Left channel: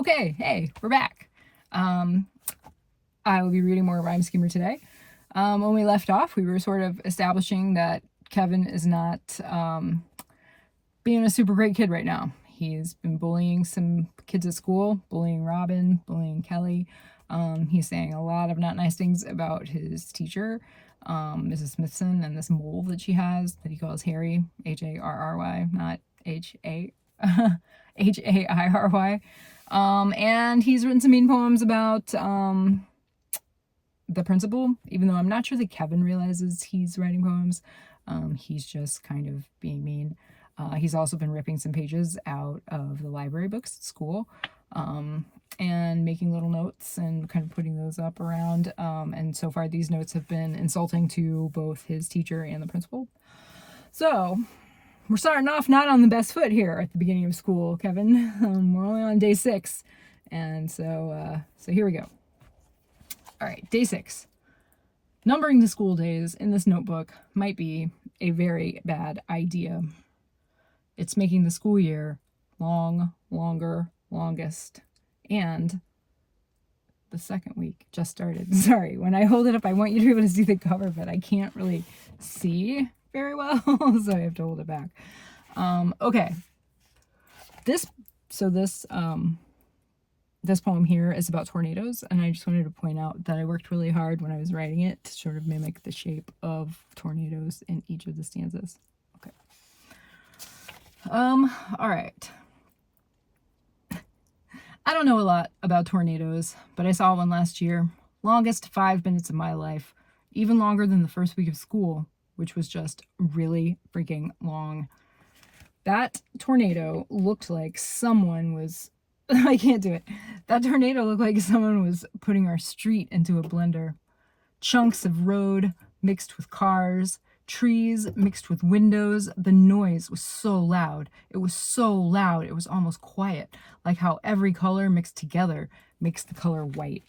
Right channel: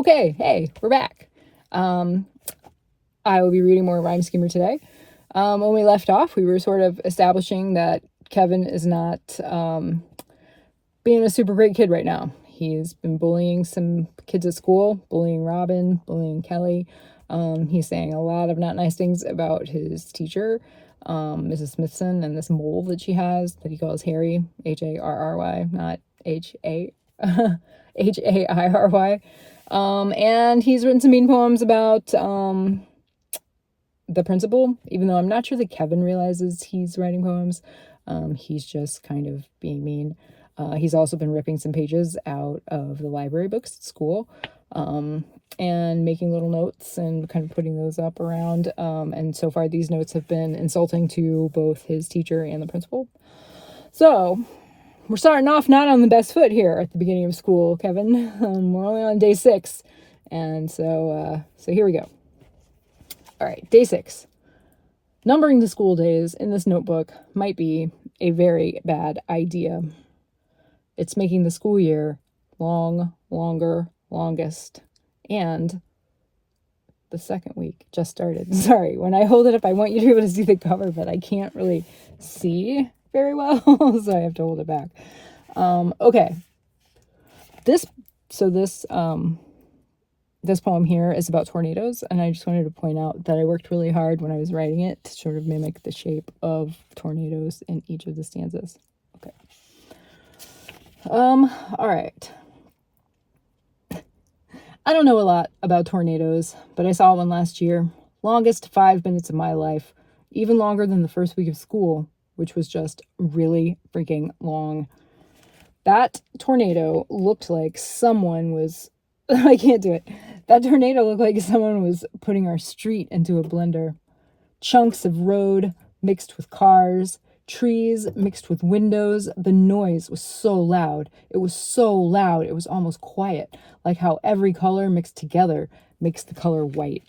Okay, hey, we're back. I will be reading more Rhyme Schemer today. When we left off, we were sort of establishing that Kevin is not being a super great kid right now. He's been bullying some kids at school, bullying Robin, bullying Kelly. He's saying a lot of not nice things about his teacher, Mrs. Smithson, and this mole that she has that he calls Harry, Harry, not H-A, H-A-I-R-Y. And he's written some mean poems about the principal, even though I'm not sure that Kevin realizes he's writing poems. He's just kind of being mean. He's also been ripping some pages out of the library books at school, and making little notes and kind of putting those up around. And so far, these notes have been insulting to both his teacher and the principal. So we're starting off not on the best foot here at the beginning of school, Kevin. We're only on day 6. And so here we go. All right, day 6. Numbering the school days in this notebook might be a very bad idea. It's making the school year long, longer, longest, and the second week just started. Sorry, when I hold it up, I want you to be able to see the cover, but I can't really see very well, so I have to hold it back. Okay. This poem here is about tornadoes, and I just wanted to point out that I worked really hard when I was writing it to sort of mimic the shape of tornadoes in each of the stanzas. Okay. All right. I don't know a lot about tornadoes, but I saw one last year. Longest 5 minutes of my life, even longer than the first week of school, which was just really freaking long. That tornado looked like someone was, I can't do it. That tornado looked like someone was putting our street into a blender. Chunks of road mixed with cars, trees mixed with windows. The noise was so loud. It was so loud, it was almost quiet, like how every color mixed together makes the color white.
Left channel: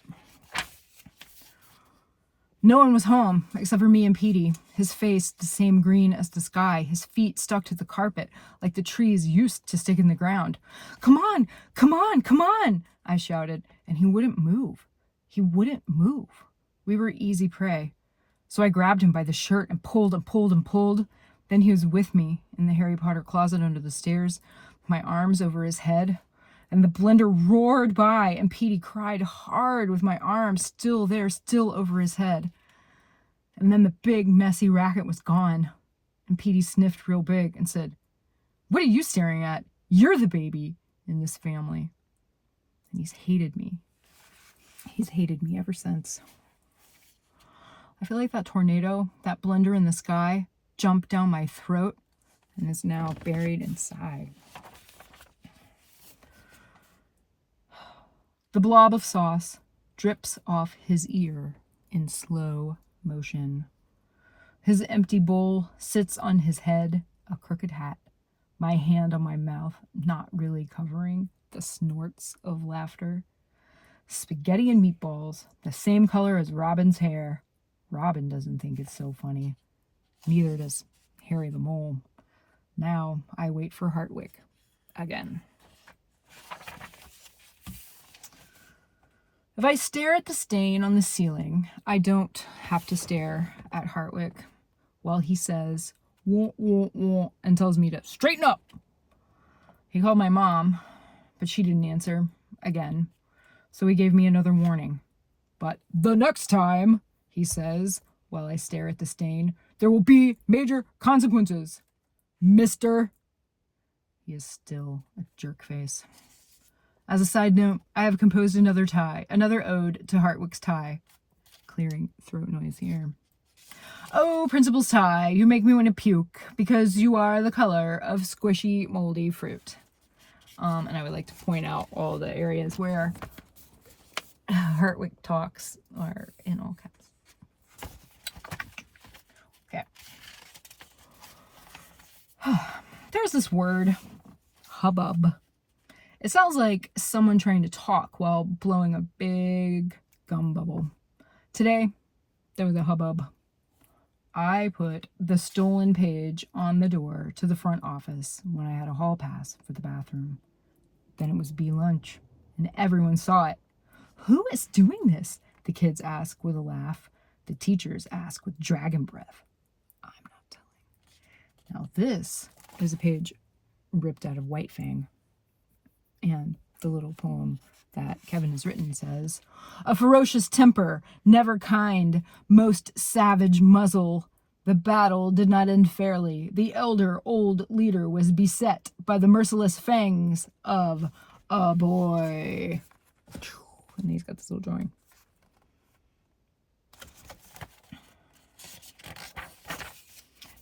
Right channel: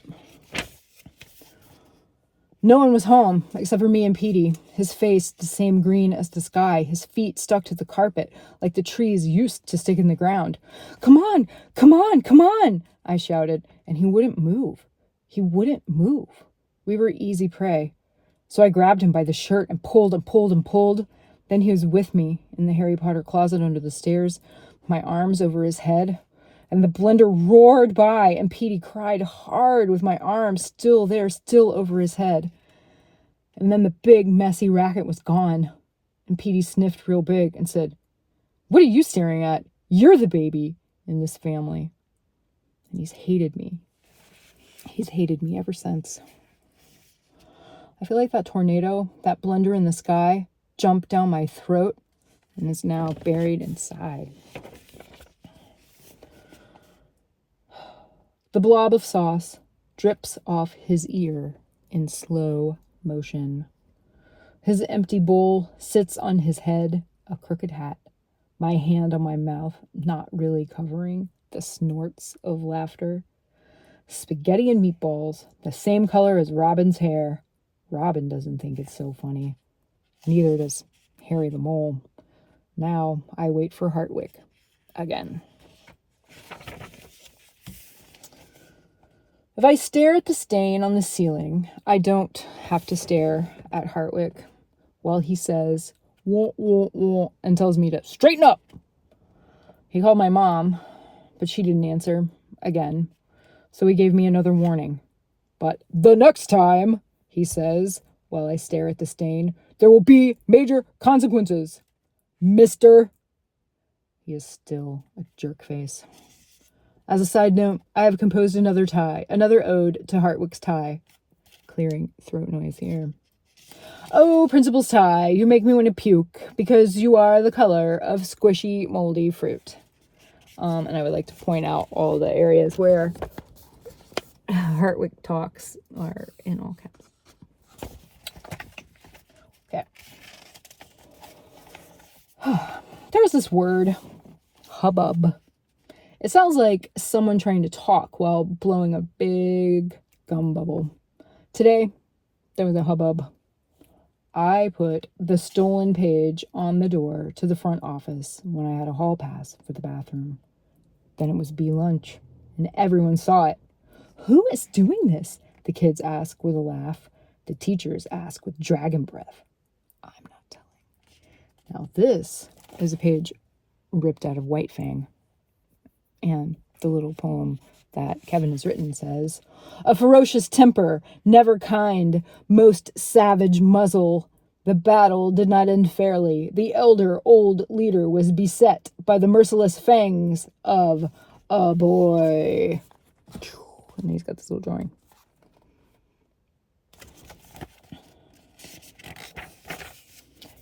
No one was home except for me and Petey, his face the same green as the sky, his feet stuck to the carpet like the trees used to stick in the ground. Come on, come on, come on, I shouted, and he wouldn't move. He wouldn't move. We were easy prey. So I grabbed him by the shirt and pulled and pulled and pulled. Then he was with me in the Harry Potter closet under the stairs, my arms over his head. And the blender roared by, and Petey cried hard with my arms still there, still over his head. And then the big, messy racket was gone. And Petey sniffed real big and said, "What are you staring at? You're the baby in this family." And he's hated me. He's hated me ever since. I feel like that tornado, that blender in the sky, jumped down my throat and is now buried inside. The blob of sauce drips off his ear in slow motion. His empty bowl sits on his head, a crooked hat, my hand on my mouth, not really covering the snorts of laughter. Spaghetti and meatballs, the same color as Robin's hair. Robin doesn't think it's so funny. Neither does Harry the Mole. Now I wait for Hartwick again. If I stare at the stain on the ceiling, I don't have to stare at Hartwick while he says, "Won't, won't, won't," and tells me to straighten up. He called my mom, but she didn't answer again. So he gave me another warning. "But the next time," he says, while I stare at the stain, "there will be major consequences, mister." He is still a jerk face. As a side note, I have composed another ode to Hartwick's tie. Clearing throat noise here. "Oh, principal's tie, you make me want to puke because you are the color of squishy, moldy fruit." And I would like to point out all the areas where Hartwick talks are in all caps. Okay. There's this word, hubbub. It sounds like someone trying to talk while blowing a big gum bubble. Today, there was a hubbub. I put the stolen page on the door to the front office when I had a hall pass for the bathroom. Then it was lunch. and everyone saw it. Who is doing this? The kids ask with a laugh. The teachers ask with dragon breath. I'm not telling. Now this is a page ripped out of White Fang. And the little poem that Kevin has written says, a ferocious temper, never kind, most savage muzzle. The battle did not end fairly. The elder old leader was beset by the merciless fangs of a boy. And he's got this little drawing.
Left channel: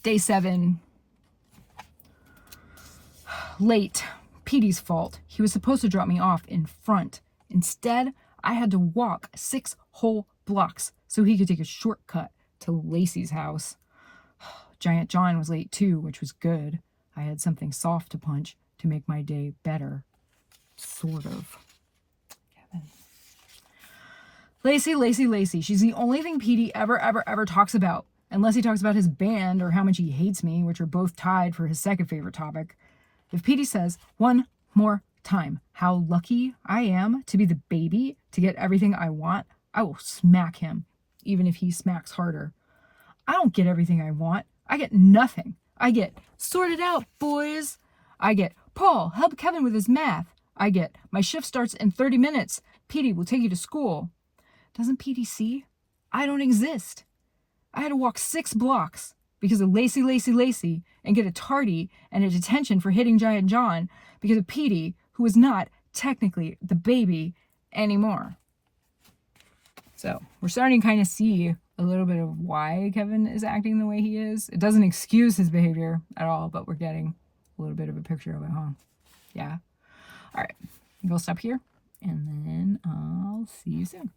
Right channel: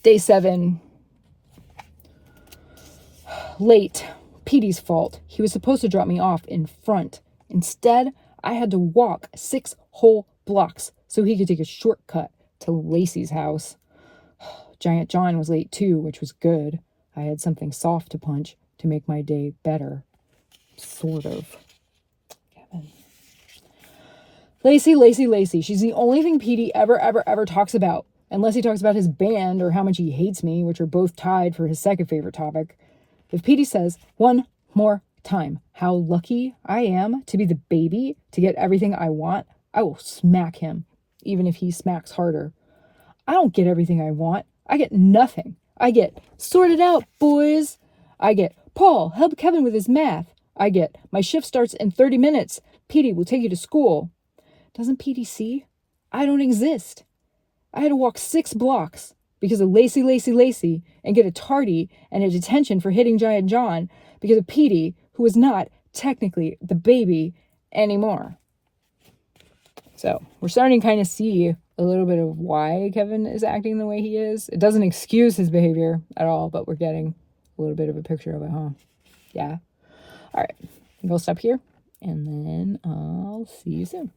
Day 7. Late. Petey's fault. He was supposed to drop me off in front. Instead, I had to walk 6 whole blocks so he could take a shortcut to Lacey's house. Giant John was late too, which was good. I had something soft to punch to make my day better. Sort of. Kevin. Lacey. She's the only thing Petey ever talks about. Unless he talks about his band or how much he hates me, which are both tied for his second favorite topic. If Petey says one more time how lucky I am to be the baby to get everything I want, I will smack him, even if he smacks harder. I don't get everything I want. I get nothing. I get sort it out, boys. I get Paul, help Kevin with his math. I get my shift starts in 30 minutes. Petey will take you to school. Doesn't Petey see? I don't exist. I had to walk 6 blocks because of Lacey, and get a tardy and a detention for hitting Giant John because of Petey, who is not technically the baby anymore. So we're starting to kind of see a little bit of why Kevin is acting the way he is. It doesn't excuse his behavior at all, but we're getting a little bit of a picture of it, huh? Yeah. All right. I'll stop here, and then I'll see you soon.